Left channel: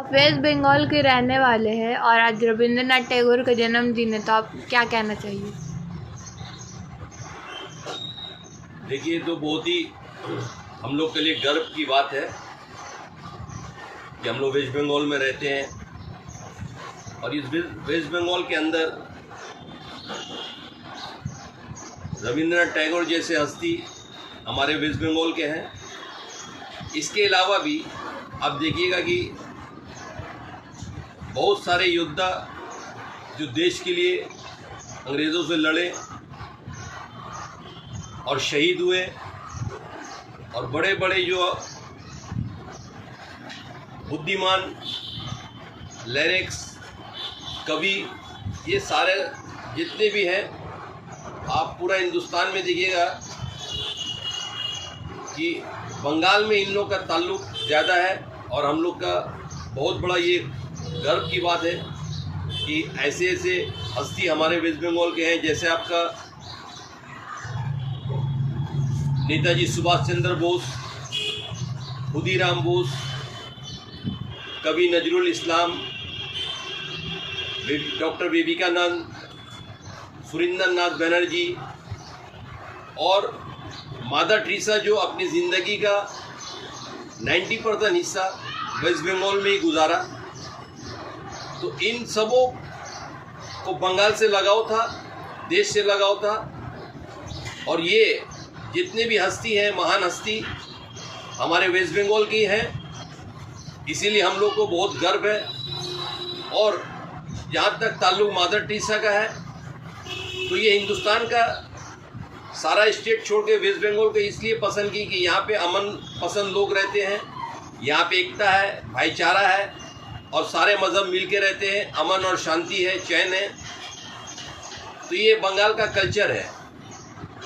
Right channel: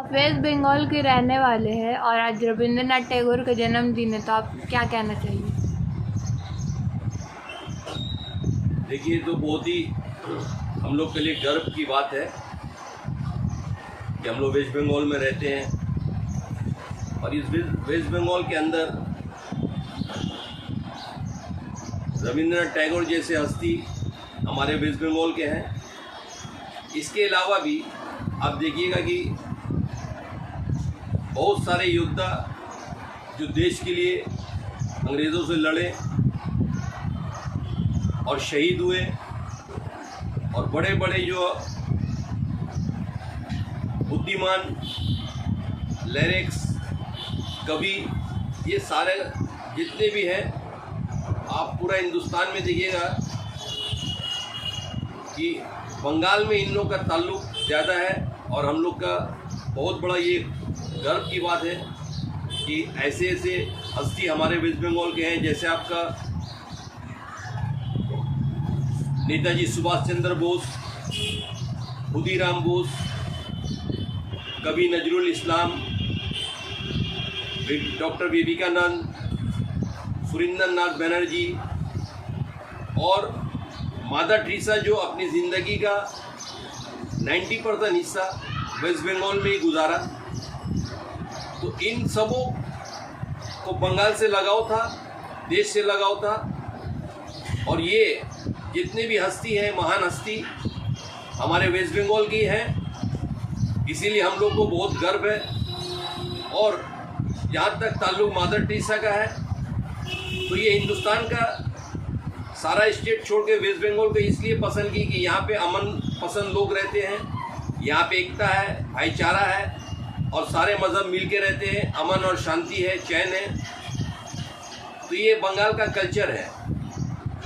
आप वेस्ट बंगाल के रहने वाले हैं और आज रविंद्रनाथ टैगोर का जन्मदिन है, तो आप क्या कहना चाहिए? देखिए, तो बहुत ही हम लोग के लिए गर्व की बात है कि हम लोग वेस्ट बंगाल में रहते हैं और इस वेस्ट बंगाल के अंदर रविंद्रनाथ टैगोर जैसे हस्ती हमारे वेस्ट बंगाल के हैं। इसके अलावा भी आप देखिएगा कि बहुत सारे योद्धा जो देश के लिए अंग्रेज़ों से लड़े और शहीद हुए, और बड़े बड़े जो बुद्धिमान, लिरिक्स, कवि, ये सारे जितने भी हैं, आप पूरा हिंदुस्तान में देखिएगा कि बंगाल में इन लोग का ताल्लुक ज़्यादा है। और हम लोग का बहुत बड़ा ये गर्व की बात है कि ऐसे ऐसे हस्ती हमारे वेस्ट बंगाल के हैं, जैसे आपका नेताजी सुभाष चंद्र बोस, खुदीराम बोस, कवि नजरुल इस्लाम, डॉक्टर विवेकानंद, सुरेंद्रनाथ बनर्जी और मदर टेरेसा, जो अपनी ज़िंदगी का 90% हिस्सा वेस्ट बंगाल में ही गुजारा। तो इन सबों को बंगाल से लगाव था, देश से लगाव था, और ये जितने भी हस्ती हैं, महान हस्ती हमारे वेस्ट बंगाल की हैं। इसीलिए हम लोग को बहुत गर्व है। और जहाँ तक ताल्लुक मदर टेरेसा का है, तो ये हिंदुस्तान का सारा स्टेट छोड़ के वेस्ट बंगाल को इसलिए पसंद की कि यहाँ पे अमन पसंद लोग रहते हैं, यहाँ पे एकता है, भाईचारा है और सारे मज़हब मिल के रहते हैं, अमन और शांति है, चैन है। तो ये बंगाल का कल्चर है।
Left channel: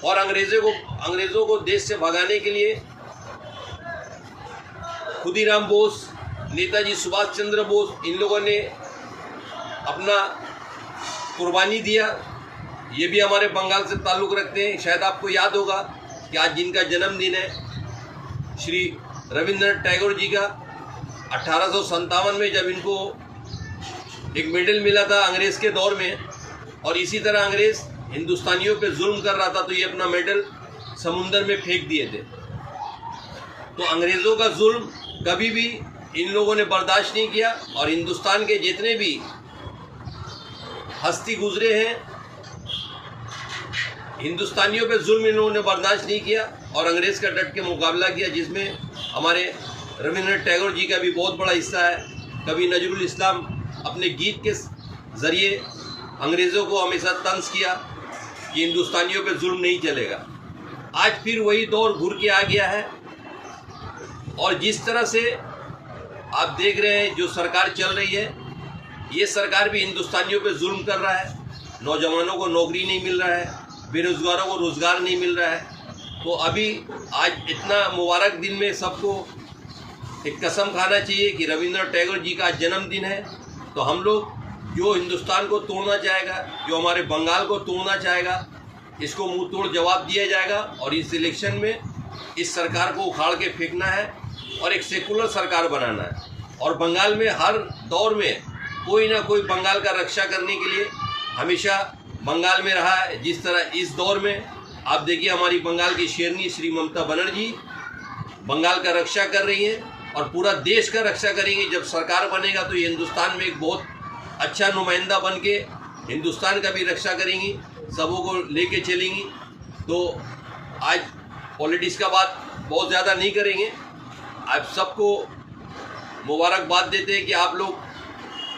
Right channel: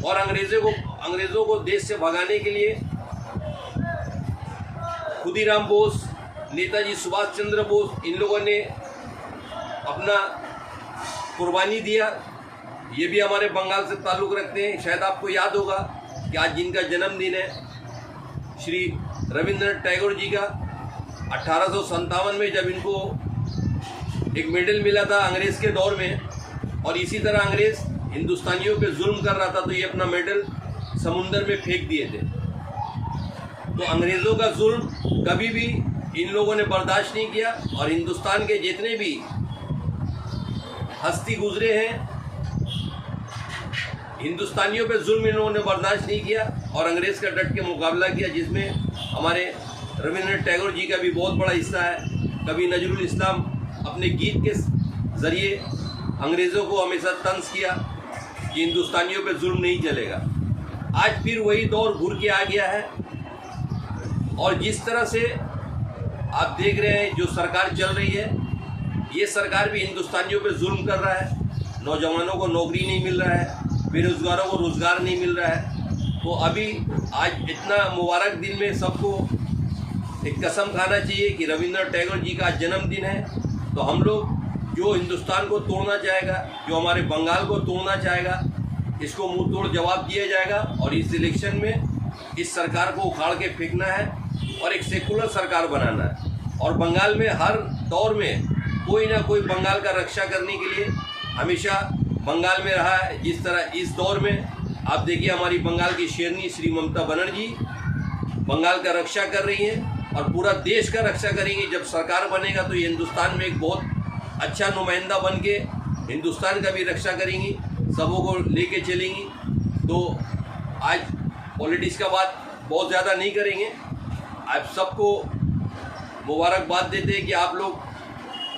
और अंग्रेज़ों को देश से भगाने के लिए खुदीराम बोस, नेताजी सुभाष चंद्र बोस, इन लोगों ने अपना कुर्बानी दिया। ये भी हमारे बंगाल से ताल्लुक़ रखते हैं। शायद आपको याद होगा कि आज जिनका जन्मदिन है, श्री रविंद्रनाथ टैगोर जी का, 1857 में जब इनको एक मेडल मिला था अंग्रेज़ के दौर में, और इसी तरह अंग्रेज़ हिंदुस्तानियों पे जुल्म कर रहा था, तो ये अपना मेडल समुंदर में फेंक दिए थे। तो अंग्रेज़ों का जुल्म कभी भी इन लोगों ने बर्दाश्त नहीं किया। और हिंदुस्तान के जितने भी हस्ती गुजरे हैं, हिंदुस्तानियों पे जुल्म इन लोगों ने बर्दाश्त नहीं किया और अंग्रेज़ का डट के मुकाबला किया, जिसमें हमारे रविंद्रनाथ टैगोर जी का भी बहुत बड़ा हिस्सा है। कवि नजरुल इस्लाम अपने गीत के ज़रिए अंग्रेज़ों को हमेशा तंज किया कि हिंदुस्तानियों पे जुल्म नहीं चलेगा। आज फिर वही दौर घुर के आ गया है। और जिस तरह से आप देख रहे हैं जो सरकार चल रही है, ये सरकार भी हिंदुस्तानियों पे जुल्म कर रहा है। नौजवानों को नौकरी नहीं मिल रहा है, बेरोज़गारों को रोज़गार नहीं मिल रहा है। तो अभी आज इतना मुबारक दिन में सबको एक कसम खाना चाहिए कि रविंद्रनाथ टैगोर जी का जन्मदिन है। तो हम लोग जो हिंदुस्तान को तोड़ना चाहेगा, जो हमारे बंगाल को तोड़ना चाहेगा, इसको मुंह तोड़ जवाब दिया जाएगा। और इस इलेक्शन में इस सरकार को उखाड़ के फेंकना है और एक सेकुलर सरकार बनाना है। और बंगाल में हर दौर में कोई ना कोई बंगाल का रक्षा करने के लिए हमेशा बंगाल में रहा है। जिस तरह इस दौर में आप देखिए, हमारी बंगाल की शेरनी श्री ममता बनर्जी बंगाल का रक्षा कर रही हैं और पूरा देश का रक्षा करेंगी। जब सरकार बनेगा तो ये हिंदुस्तान में एक बहुत अच्छा नुमाइंदा बन के हिंदुस्तान का भी रक्षा करेंगी, सबों को लेके चलेंगी। तो आज पॉलिटिक्स का बात बहुत ज़्यादा नहीं करेंगे। आप सबको मुबारकबाद देते हैं कि आप लोग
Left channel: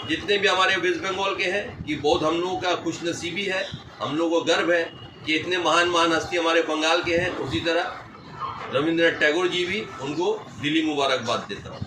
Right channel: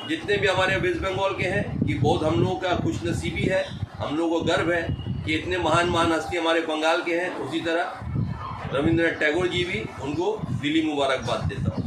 जितने भी हमारे वेस्ट बंगाल के हैं, कि बहुत हम लोगों का खुशनसीबी है, हम लोगों को गर्व है कि इतने महान महान हस्ती हमारे बंगाल के हैं। उसी तरह रविंद्रनाथ टैगोर जी भी, उनको दिली मुबारकबाद देता हूँ।